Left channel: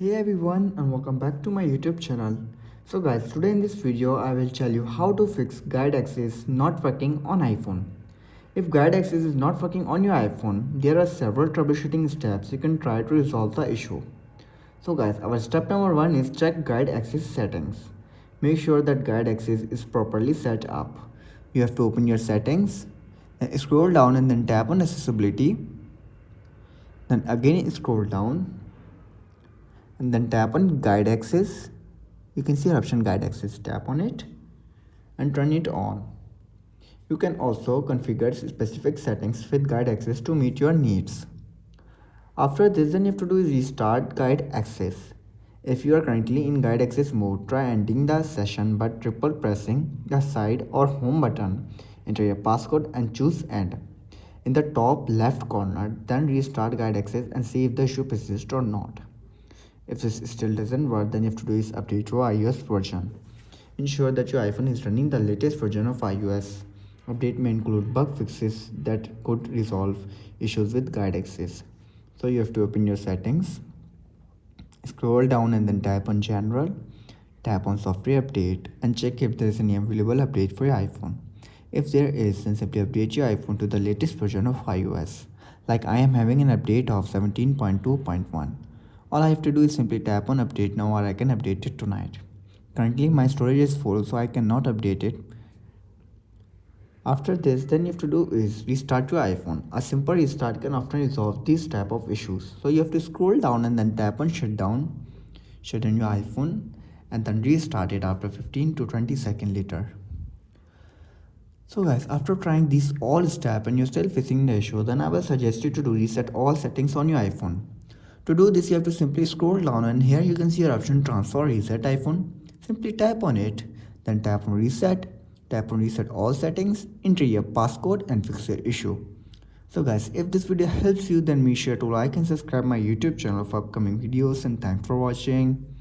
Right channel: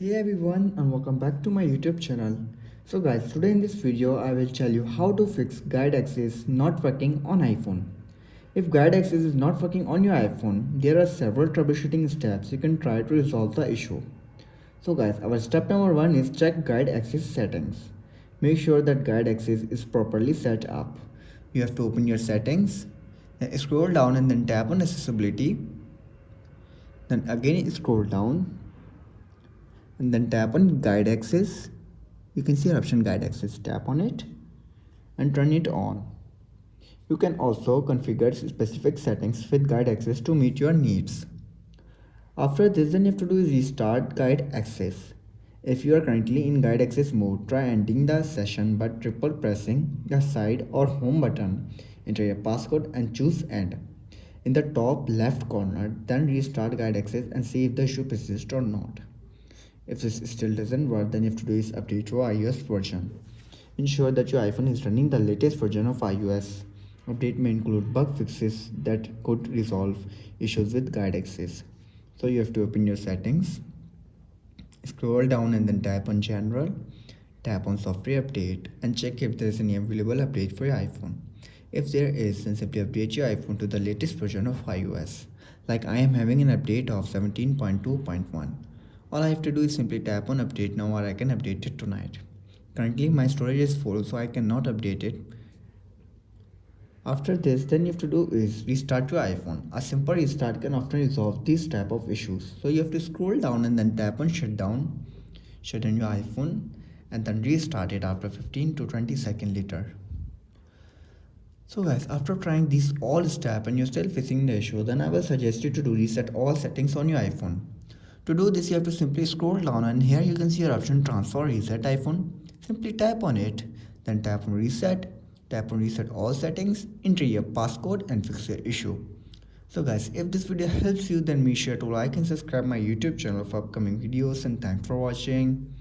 Hey everyone and welcome back to my YouTube channel. So guys, today in this video I will tell you how to fix guide access not working on iPhone. If guide access is not working on your iPhone, there are several troubleshooting steps you can try to resolve the issue. So guys, our step number 1 is check guide access settings. Make sure that guide access is properly set up. You have to open your settings, then scroll down and then tap on accessibility. Then again scroll down and then tap on guide access. You can see option guide access, tap on it and turn it on. You can also configure specific settings with guide access to meet your needs. After this, then you have to do is restart guide access. If you are currently in guide access mode, try ending the session by triple pressing the side or home button. Enter your passcode and choose end. In the top left corner, then restart guide access and see if the issue persists or not. If this still doesn't work, then you have to do is update your iOS version. Ensure that your iPhone is running the latest version of iOS. Update may include bug fixes that could resolve issues with guide access. So you have to open your settings, scroll down and then tap on general, tap on software update and check if there is any available update for your iPhone. If there is, then simply update your iPhone to the latest version of iOS. Like I am having an update of 17.2.1. All I have to do is simply tap on update now, or I can update it tonight. Currently my storage is full, so I cannot update it. After this, then you have to do is restart your iPhone. A simple restart can often resolve these type of issues. So you have to scroll down and then tap on shut down your iPhone and then restart it after 15 to 20 seconds later. So guys, after trying these all steps and you're still facing the issue, then I will suggest you to do reset all settings on your iPhone. To do this, you have to simply scroll down and here you can see your option transfer reset iPhone. Simply tap on it, then tap on reset all settings, enter your passcode and fix your issue. So guys, if this video helps you, then make sure to like and subscribe my YouTube channel for upcoming videos, and thanks for watching.